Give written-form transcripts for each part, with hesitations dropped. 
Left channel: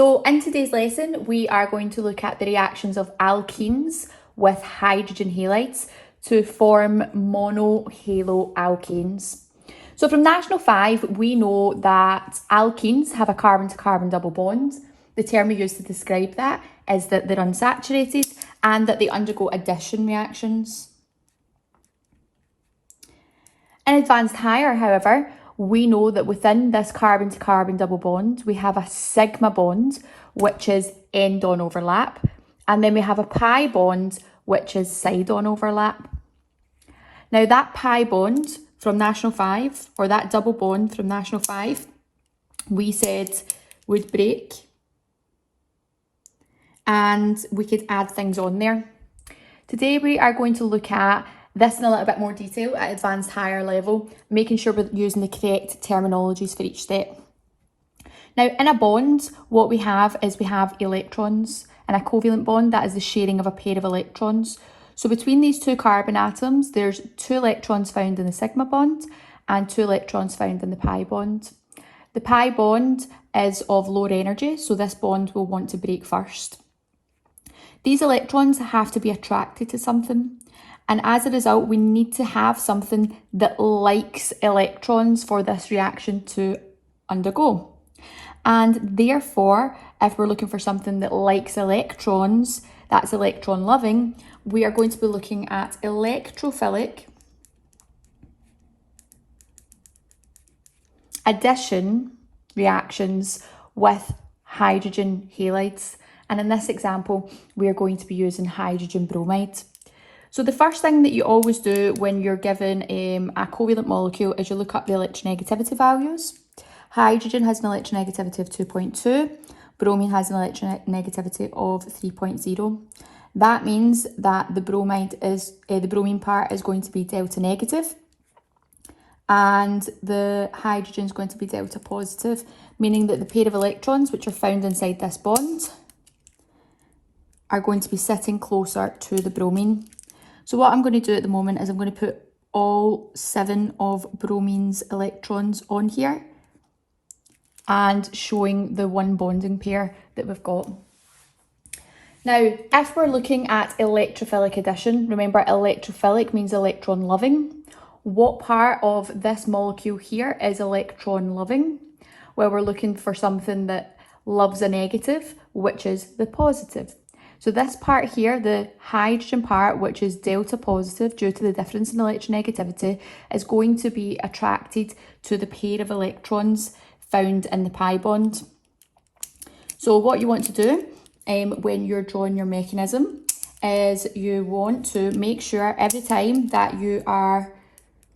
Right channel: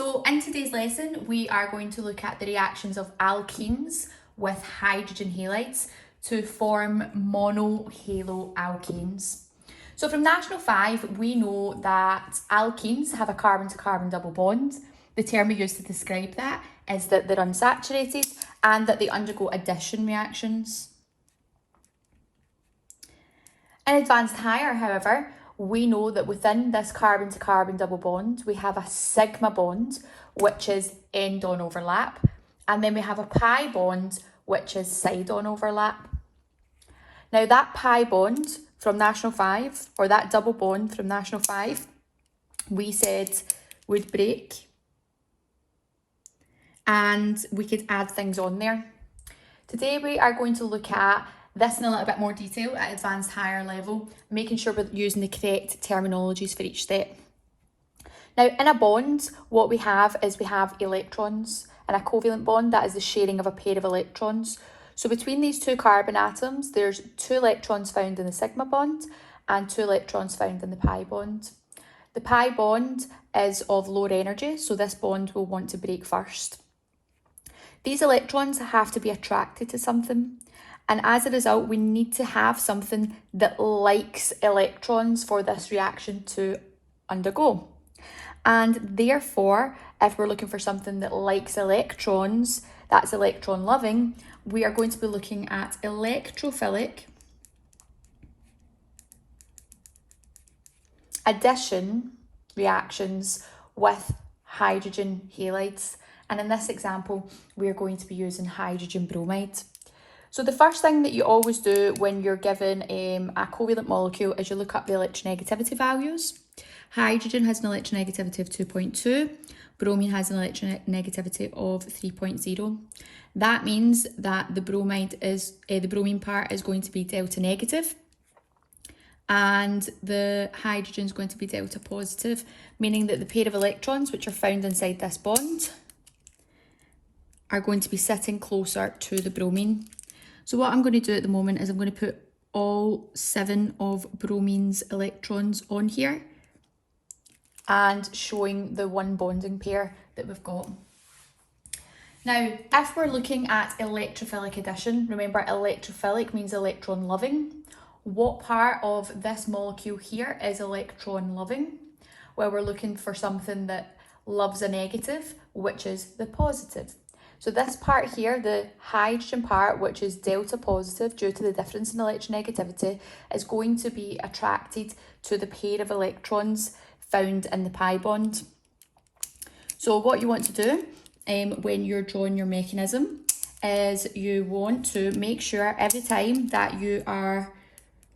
So in today's lesson, we are going to look at the reactions of alkenes with hydrogen halides to form monohaloalkanes. So from National 5, we know that alkenes have a carbon-to-carbon double bond. The term we use to describe that is that they're unsaturated and that they undergo addition reactions. In advanced higher, however, we know that within this carbon-to-carbon double bond, we have a sigma bond, which is end-on overlap, and then we have a pi bond, which is side-on overlap. Now that pi bond from National 5, or that double bond from National 5, we said would break, and we could add things on there. Today we are going to look at this in a little bit more detail at advanced higher level, making sure we're using the correct terminologies for each step. Now in a bond, what we have is we have electrons, and a covalent bond, that is the sharing of a pair of electrons. So between these two carbon atoms, there's 2 electrons found in the sigma bond and 2 electrons found in the pi bond. The pi bond is of lower energy, so this bond will want to break first. These electrons have to be attracted to something. And as a result, we need to have something that likes electrons for this reaction to undergo. And therefore, if we're looking for something that likes electrons, that's electron loving, we are going to be looking at electrophilic addition reactions with hydrogen halides. And in this example, we are going to be using hydrogen bromide. So the first thing that you always do when you're given a covalent molecule is you look up the electronegativity values. Hydrogen has an electronegativity of 2.2, bromine has an electronegativity of 3.0. That means that the bromine part is going to be delta negative, and the hydrogen is going to be delta positive, meaning that the pair of electrons which are found inside this bond are going to be sitting closer to the bromine. So what I'm going to do at the moment is I'm going to put all 7 of bromine's electrons on here and showing the one bonding pair that we've got. Now, if we're looking at electrophilic addition, remember electrophilic means electron loving. What part of this molecule here is electron loving? Well, we're looking for something that loves a negative, which is the positive. So this part here, the hydrogen part, which is delta positive due to the difference in electronegativity, is going to be attracted to the pair of electrons found in the pi bond. So what you want to do when you're drawing your mechanism is you want to make sure every time that you are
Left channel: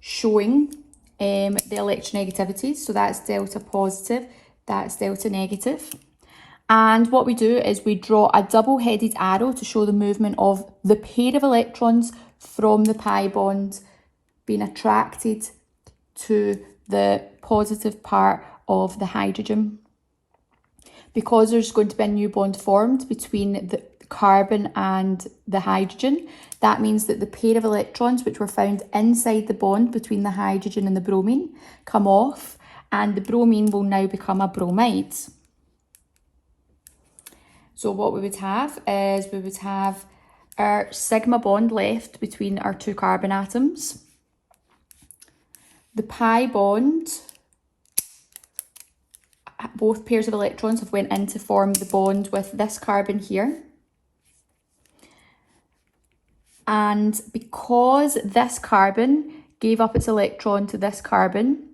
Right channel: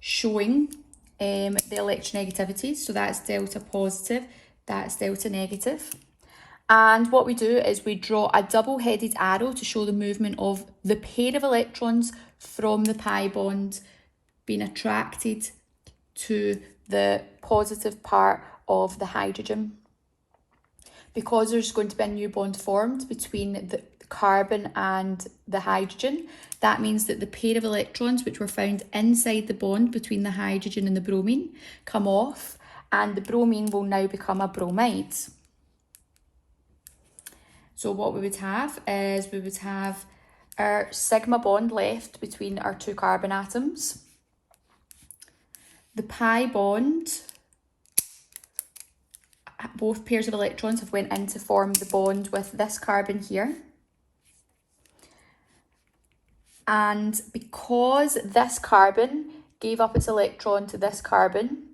showing the electronegativities, so that's delta positive, that's delta negative. And what we do is we draw a double-headed arrow to show the movement of the pair of electrons from the pi bond being attracted to the positive part of the hydrogen. Because there's going to be a new bond formed between the carbon and the hydrogen, that means that the pair of electrons which were found inside the bond between the hydrogen and the bromine come off, and the bromine will now become a bromide. So what we would have is we would have our sigma bond left between our 2 carbon atoms. The pi bond, both pairs of electrons have went in to form the bond with this carbon here. And because this carbon gave up its electron to this carbon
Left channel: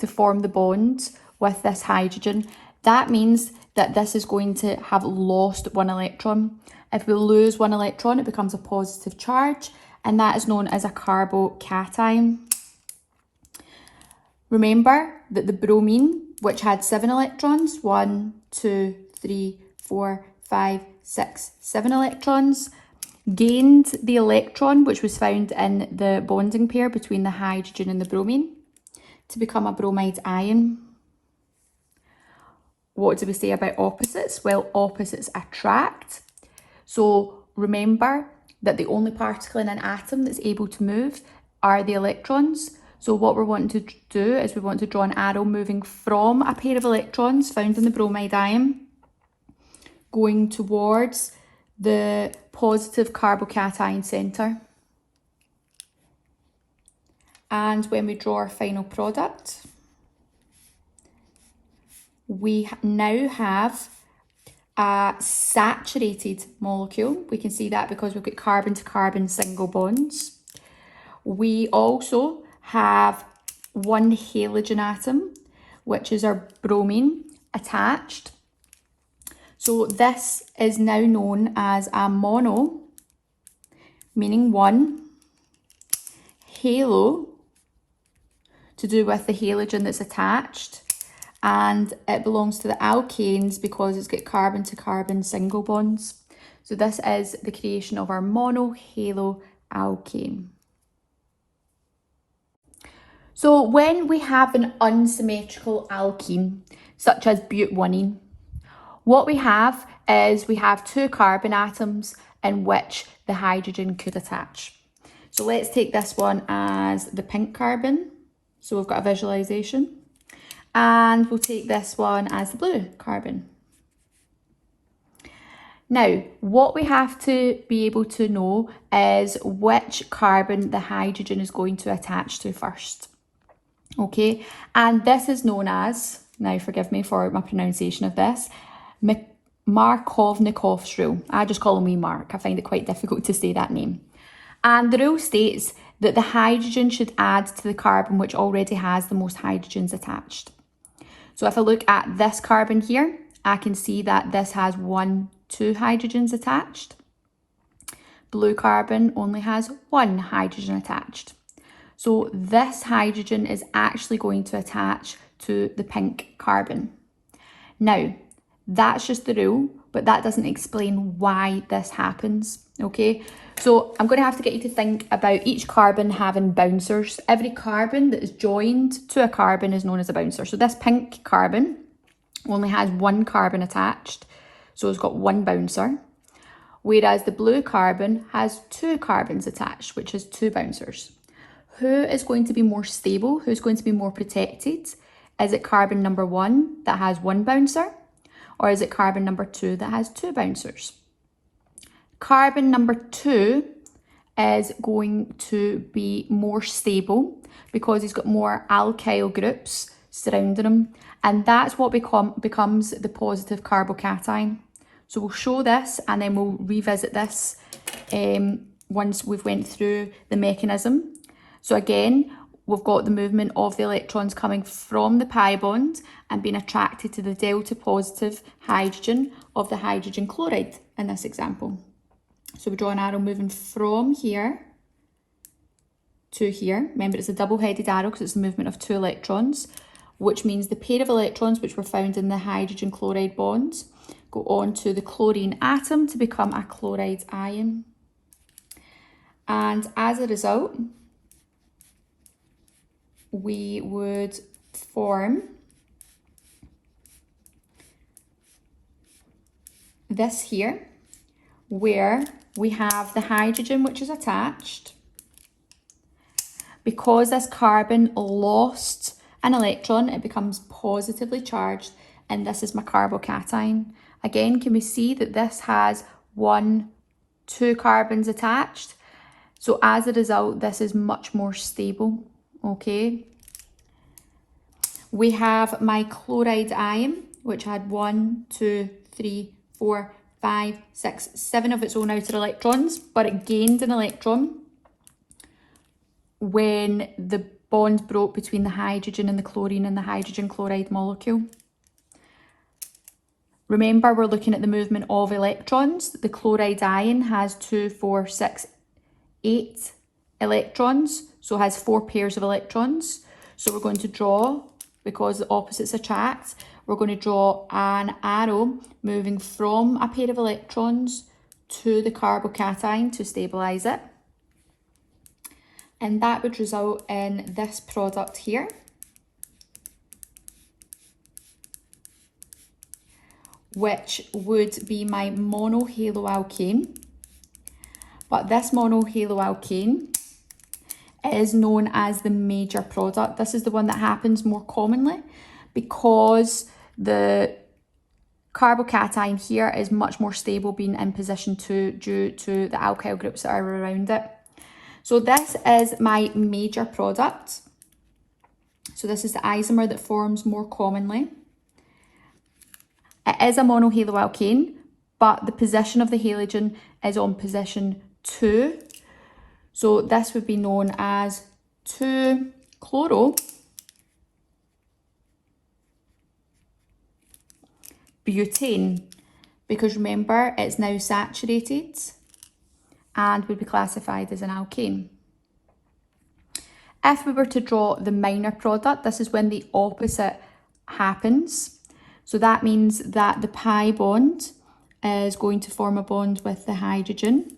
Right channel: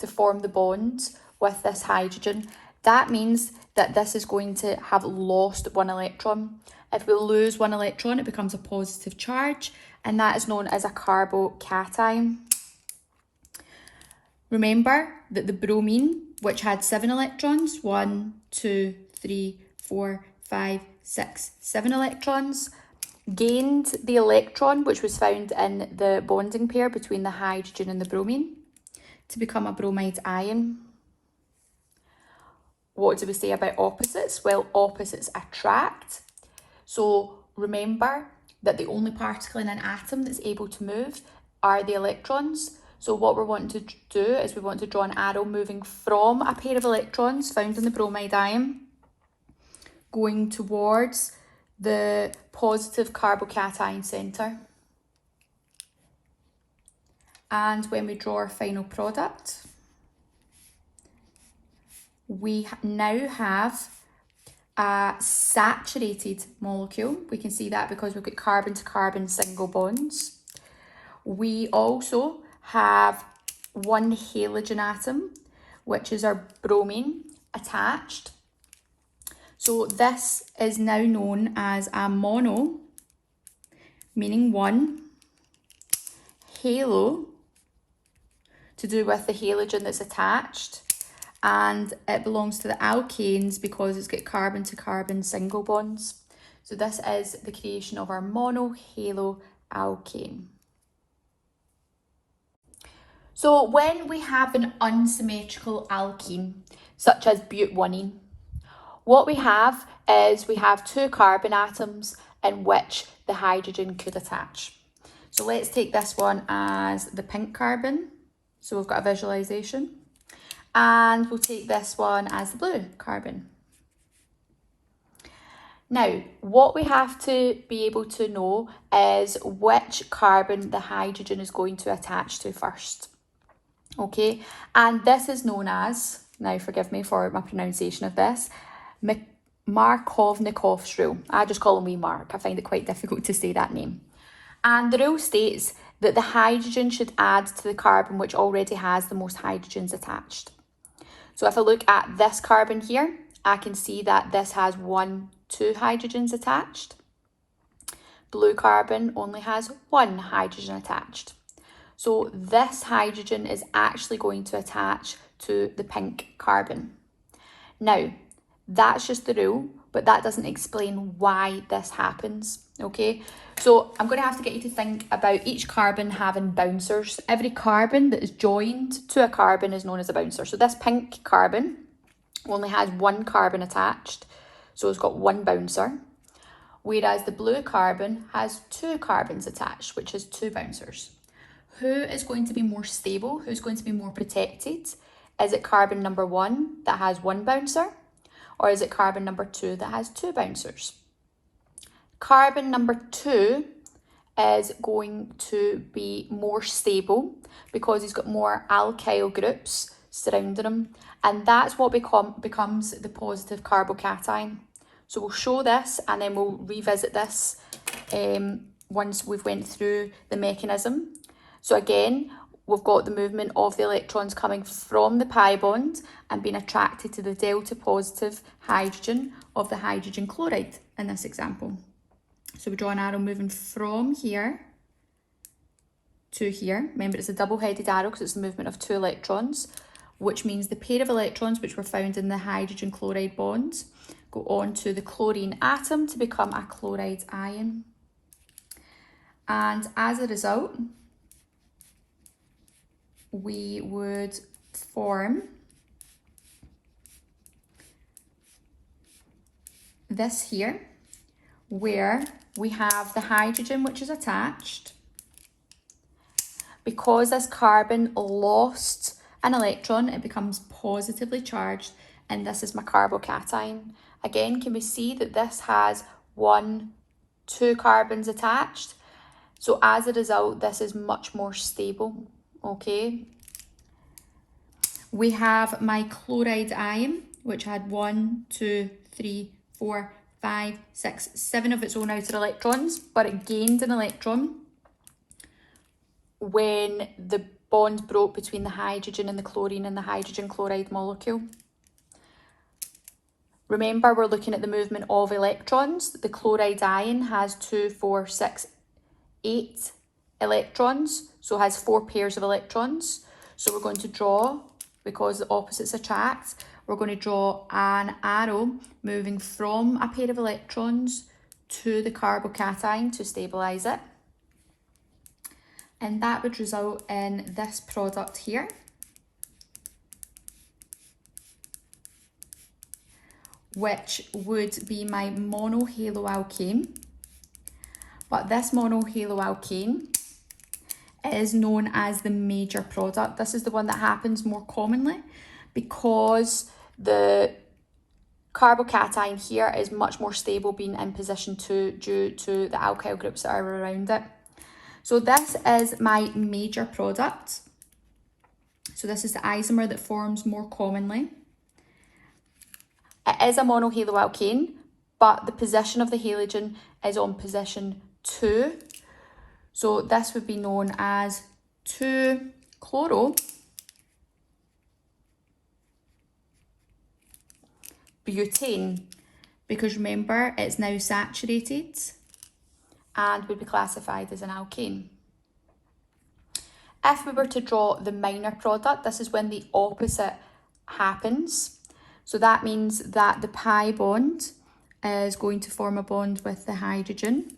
to form the bond with this hydrogen, that means that this is going to have lost 1 electron. If we lose 1 electron, it becomes a positive charge, and that is known as a carbocation. Remember that the bromine, which had 7 electrons, 1, 2, 3, 4, 5, 6, 7 electrons, gained the electron which was found in the bonding pair between the hydrogen and the bromine to become a bromide ion. What do we say about opposites? Well, opposites attract. So remember that the only particle in an atom that's able to move are the electrons. So what we're wanting to do is we want to draw an arrow moving from a pair of electrons found in the bromide ion going towards the positive carbocation centre. And when we draw our final product, we now have a saturated molecule. We can see that because we've got carbon to carbon single bonds. We also have one halogen atom, which is our bromine, attached. So this is now known as a mono, meaning one, halo, to do with the halogen that's attached, and it belongs to the alkanes because it's got carbon to carbon single bonds. So this is the creation of our monohaloalkane. So when we have an unsymmetrical alkene, such as but-1ene, what we have is we have two carbon atoms in which the hydrogen could attach. So let's take this one as the pink carbon. So we've got a visualization. And we'll take this one as the blue carbon. Now, what we have to be able to know is which carbon the hydrogen is going to attach to first. Okay, and this is known as, now forgive me for my pronunciation of this, Markovnikov's rule. I just call me Mark. I find it quite difficult to say that name. And the rule states that the hydrogen should add to the carbon which already has the most hydrogens attached. So if I look at this carbon here, I can see that this has 2 hydrogens attached. Blue carbon only has 1 hydrogen attached. So this hydrogen is actually going to attach to the pink carbon. Now, that's just the rule, but that doesn't explain why this happens, okay? So I'm going to have to get you to think about each carbon having bouncers. Every carbon that is joined to a carbon is known as a bouncer. So this pink carbon only has 1 carbon attached, so it's got 1 bouncer. Whereas the blue carbon has 2 carbons attached, which is 2 bouncers. Who is going to be more stable? Who's going to be more protected? Is it carbon number 1 that has 1 bouncer? Or is it carbon number 2 that has 2 bouncers? Carbon number 2 is going to be more stable because he's got more alkyl groups surrounding him, and that's what becomes the positive carbocation. So we'll show this and then we'll revisit this once we've went through the mechanism. So again, we've got the movement of the electrons coming from the pi bond and being attracted to the delta positive hydrogen of the hydrogen chloride in this example. So we draw an arrow moving from here to here. Remember, it's a double-headed arrow because it's the movement of 2 electrons, which means the pair of electrons which were found in the hydrogen chloride bonds go on to the chlorine atom to become a chloride ion. And as a result, we would form this here, where we have the hydrogen which is attached. Because this carbon lost an electron, it becomes positively charged, and this is my carbocation. Again, can we see that this has 2 carbons attached? So as a result, this is much more stable. Okay, we have my chloride ion, which had 1, 2, 3, 4, 5, 6, 7 of its own outer electrons, but it gained an electron when the bond broke between the hydrogen and the chlorine in the hydrogen chloride molecule. Remember, we're looking at the movement of electrons. The chloride ion has 2, 4, 6, 8 electrons, so it has 4 pairs of electrons. So we're going to draw, because the opposites attract, we're going to draw an arrow moving from a pair of electrons to the carbocation to stabilise it. And that would result in this product here. Which would be my monohaloalkane. But this monohaloalkane is known as the major product. This is the one that happens more commonly because the carbocation here is much more stable, being in position 2 due to the alkyl groups that are around it. So this is my major product. So this is the isomer that forms more commonly. It is a monohaloalkane, but the position of the halogen is on position 2. So this would be known as 2-chloro-butane, because remember, it's now saturated and would be classified as an alkane. If we were to draw the minor product, this is when the opposite happens. So that means that the pi bond is going to form a bond with the hydrogen,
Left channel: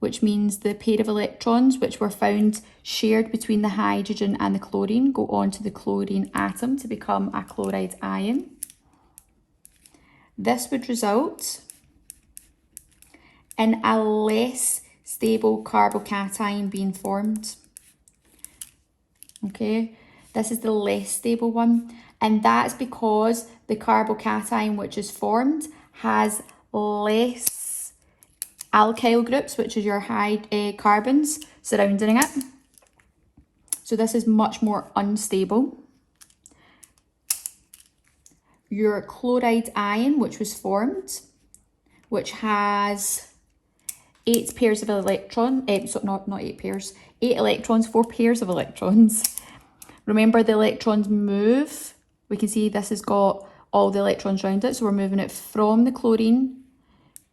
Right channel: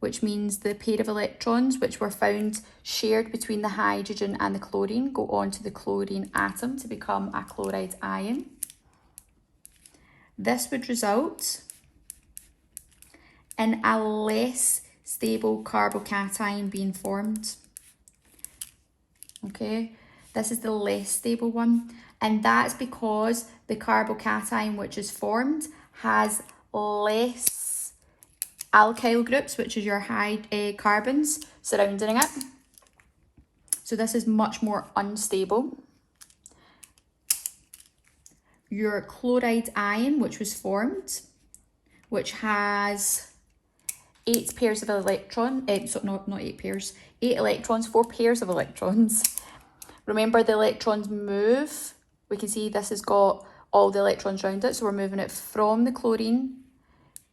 which means the pair of electrons which were found shared between the hydrogen and the chlorine go on to the chlorine atom to become a chloride ion. This would result in a less stable carbocation being formed. Okay, this is the less stable one, and that's because the carbocation which is formed has less alkyl groups, which is your carbons surrounding it. So this is much more unstable. Your chloride ion, which was formed, which has 8 pairs of electrons, so not 8 pairs, 8 electrons, 4 pairs of electrons. Remember, the electrons move. We can see this has got all the electrons around it, so we're moving it from the chlorine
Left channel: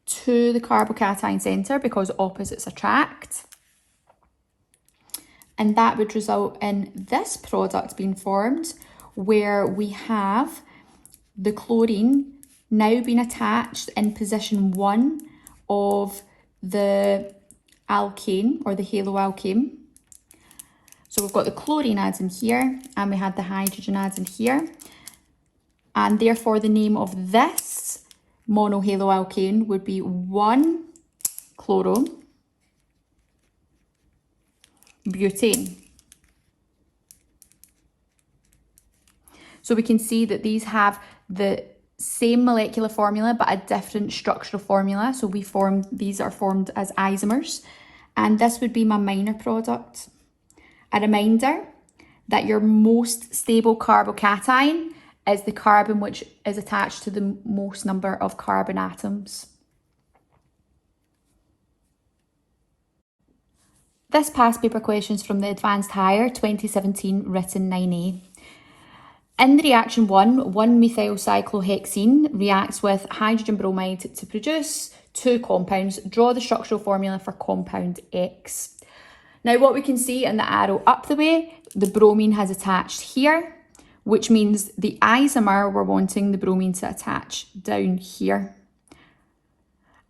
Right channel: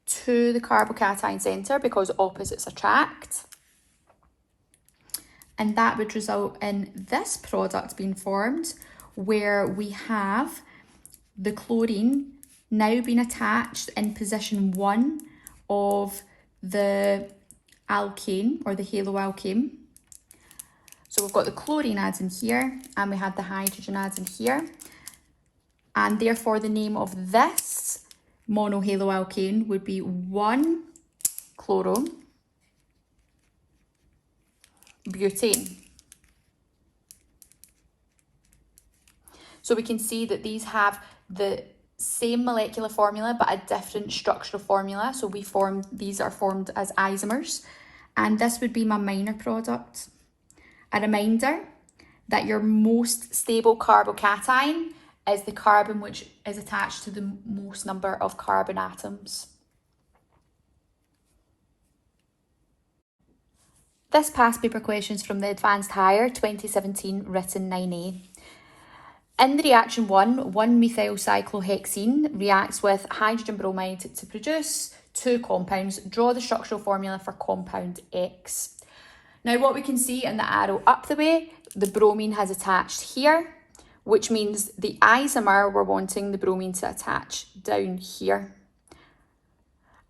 to the carbocation centre because opposites attract. And that would result in this product being formed, where we have the chlorine now being attached in position 1 of the alkane or the haloalkane. So we've got the chlorine atom here and we have the hydrogen atom here. And therefore the name of this monohaloalkane would be 1-chloro-butane. So we can see that these have the same molecular formula but a different structural formula. So these are formed as isomers, and this would be my minor product. A reminder that your most stable carbocation is the carbon which is attached to the most number of carbon atoms. This past paper questions from the Advanced Higher 2017 written 9A. In the reaction 1-methyl-cyclohexene reacts with hydrogen bromide to produce 2 compounds. Draw the structural formula for compound X. Now what we can see in the arrow up the way, the bromine has attached here, which means the isomer we're wanting the bromine to attach down here.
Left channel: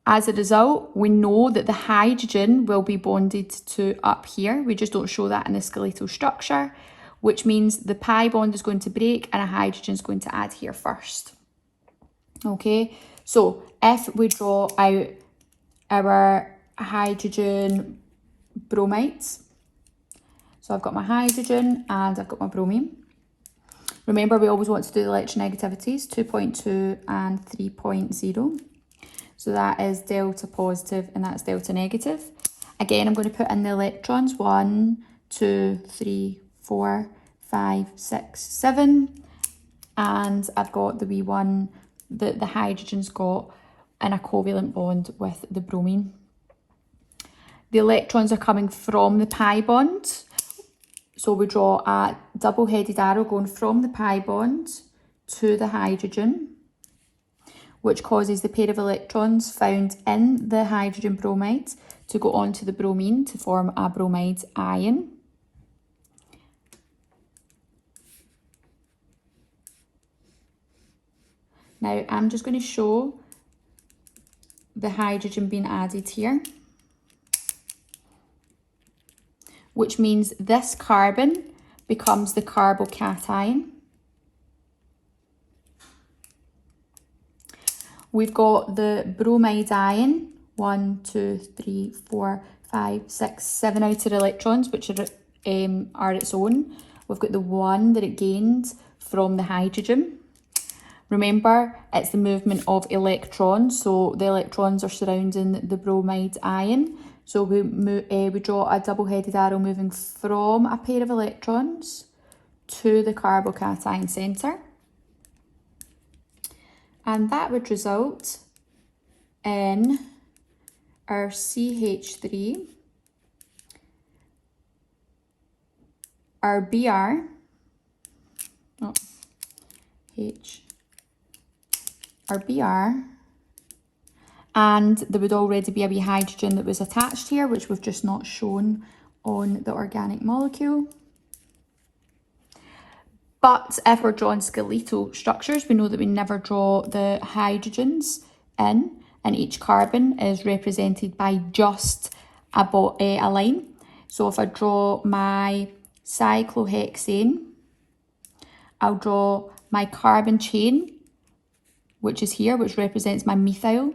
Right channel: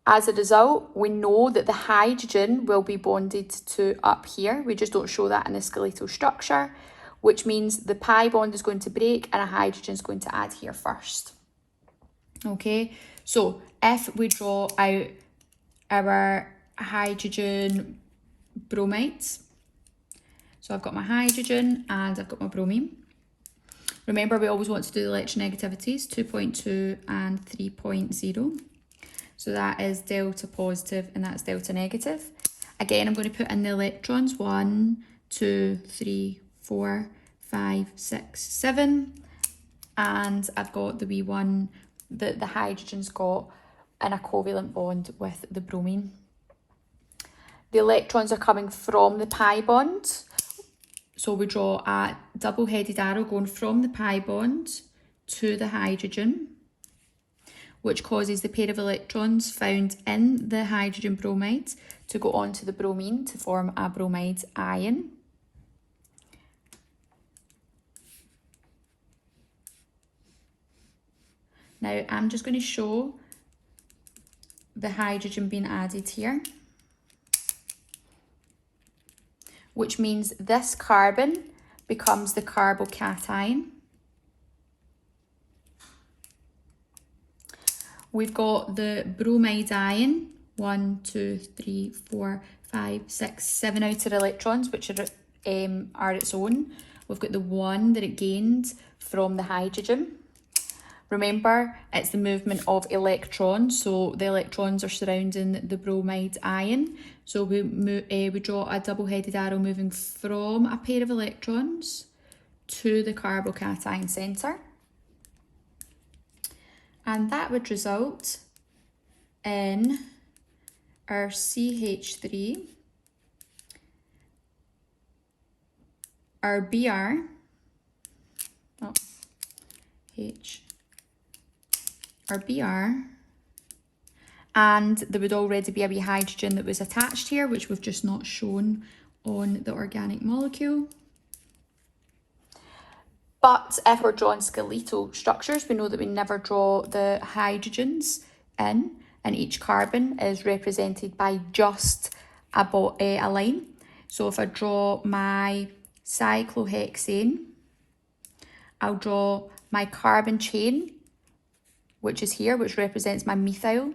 As a result, we know that the hydrogen will be bonded to up here. We just don't show that in the skeletal structure, which means the pi bond is going to break and a hydrogen is going to add here first. Okay, so if we draw out our hydrogen bromides, so I've got my hydrogen and I've got my bromine. Remember, we always want to do the electronegativities, 2.2 and 3.0. So that is delta positive and that's delta negative. Again, I'm going to put in the electrons, 1, 2, 3, 4, 5, 6, 7. And I've got the wee one that the hydrogen's got in a covalent bond with the bromine. The electrons are coming from the pi bond. So we draw a double-headed arrow going from the pi bond to the hydrogen, which causes the pair of electrons found in the hydrogen bromide to go onto the bromine to form a bromide ion. Now I'm just going to show the hydrogen being added here, which means this carbon becomes the carbocation. We've got the bromide ion, 1, 2, 3, 4, 5, 6, 7 outer electrons, which are its own. We've got the 1 that it gained from the hydrogen. Remember, it's the movement of electrons, so the electrons are surrounding the bromide ion. So we draw a double-headed arrow moving from a pair of electrons to the carbocation centre. And that would result in our CH3, our Br, our Br, and there would already be a wee hydrogen that was attached here, which we've just not shown on the organic molecule. But if we're drawing skeletal structures, we know that we never draw the hydrogens in, and each carbon is represented by just a line. So if I draw my cyclohexane, I'll draw my carbon chain, which is here, which represents my methyl.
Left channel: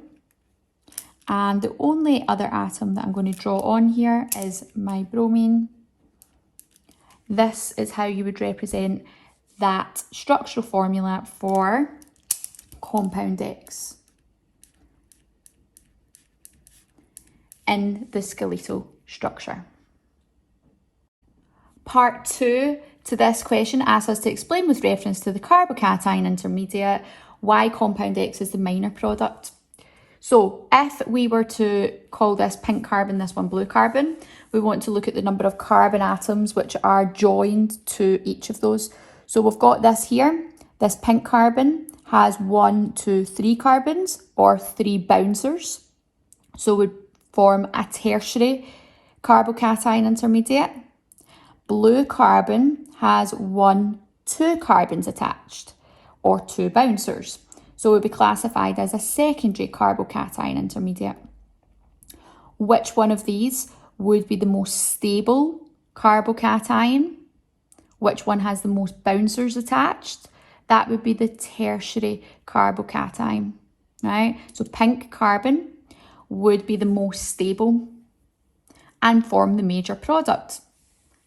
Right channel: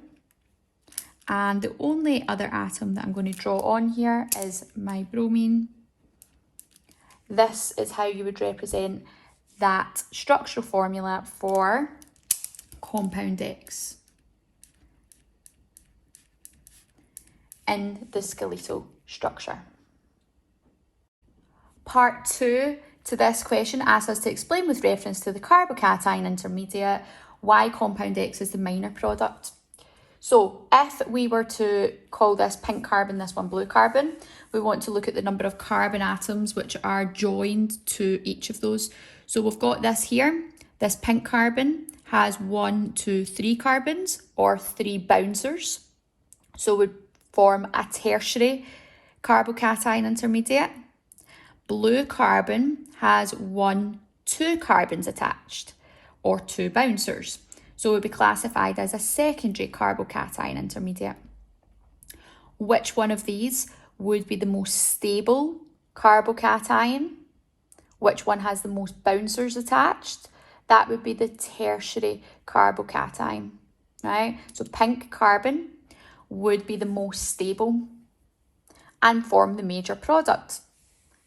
And the only other atom that I'm going to draw on here is my bromine. This is how you would represent that structural formula for compound X in the skeletal structure. Part 2 to this question asks us to explain with reference to the carbocation intermediate why compound X is the minor product. So if we were to call this pink carbon, this one blue carbon, we want to look at the number of carbon atoms which are joined to each of those. So we've got this here, this pink carbon has 1, 2, 3 carbons or 3 bouncers. So we form a tertiary carbocation intermediate. Blue carbon has 1, 2 carbons attached or 2 bouncers. So it would be classified as a secondary carbocation intermediate. Which one of these would be the most stable carbocation? Which one has the most bouncers attached? That would be the tertiary carbocation, right? So pink carbon would be the most stable and form the major product.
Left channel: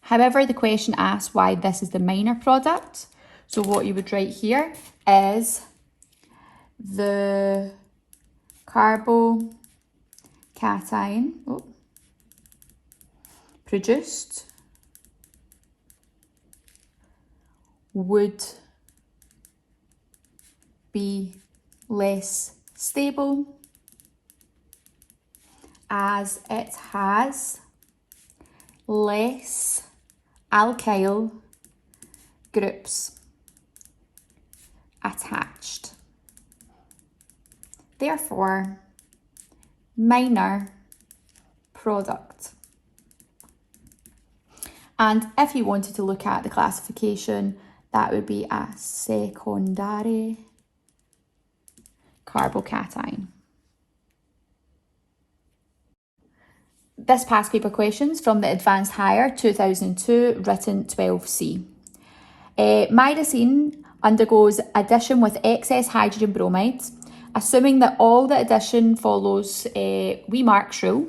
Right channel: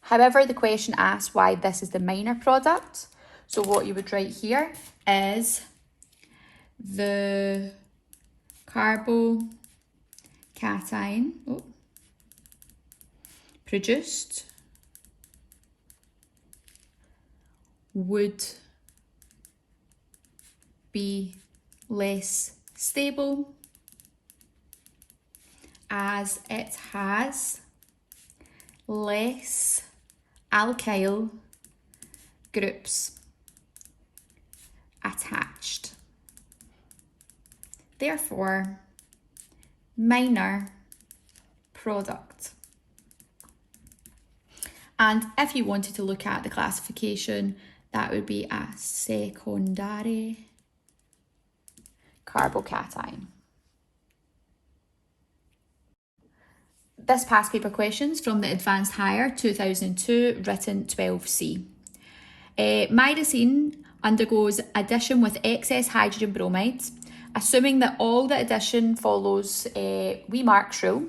However, the question asks why this is the minor product. So what you would write here is the carbocation produced would be less stable as it has less alkyl groups attached. Therefore, minor product. And if you wanted to look at the classification, that would be a secondary carbocation. This past paper questions from the Advanced Higher 2002, written 12C. Myrisine undergoes addition with excess hydrogen bromides. Assuming that all the addition follows Mark's rule,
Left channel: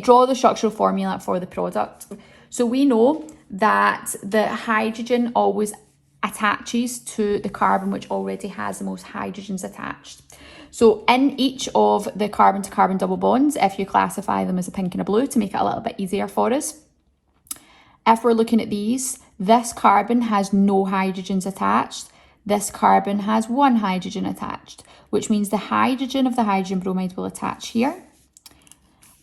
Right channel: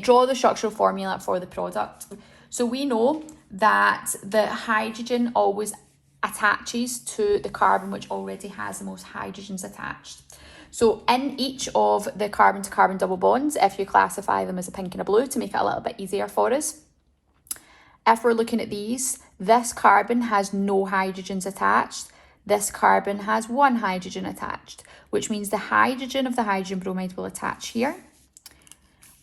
draw the structural formula for the product. So we know that the hydrogen always attaches to the carbon which already has the most hydrogens attached. So in each of the carbon to carbon double bonds, if you classify them as a pink and a blue to make it a little bit easier for us, if we're looking at these, this carbon has no hydrogens attached, this carbon has 1 hydrogen attached, which means the hydrogen of the hydrogen bromide will attach here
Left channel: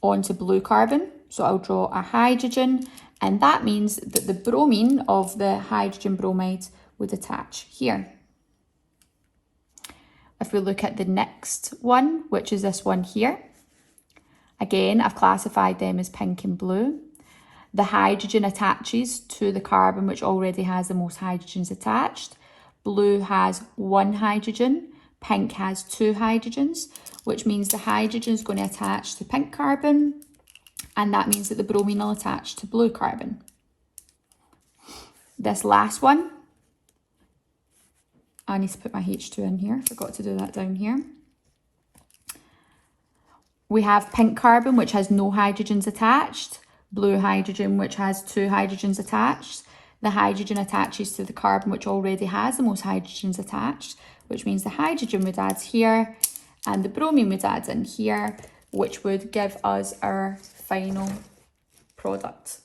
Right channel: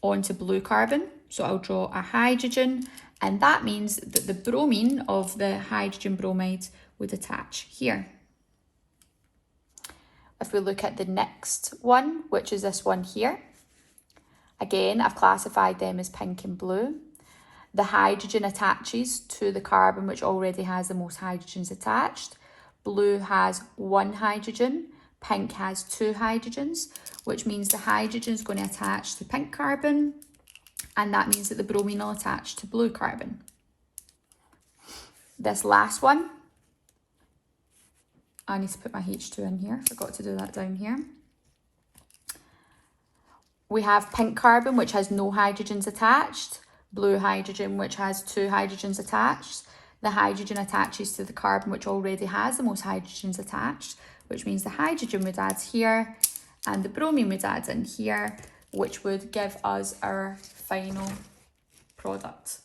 onto blue carbon. So I'll draw a hydrogen, and that means that the bromine of the hydrogen bromide would attach here. If we look at the next one, which is this one here, again, I've classified them as pink and blue. The hydrogen attaches to the carbon which already has the most hydrogens attached. Blue has 1 hydrogen, pink has 2 hydrogens, which means the hydrogen is going to attach to pink carbon, and that means that the bromine will attach to blue carbon. This last one, I need to put my H2 in here, forgot to do that down here. We have pink carbon which has no hydrogens attached, blue hydrogen which has 2 hydrogens attached. the hydrogen attaches to the carbon which already has the most hydrogens attached, which means the hydrogen would add here and the bromine would add in here, which would give us our final product.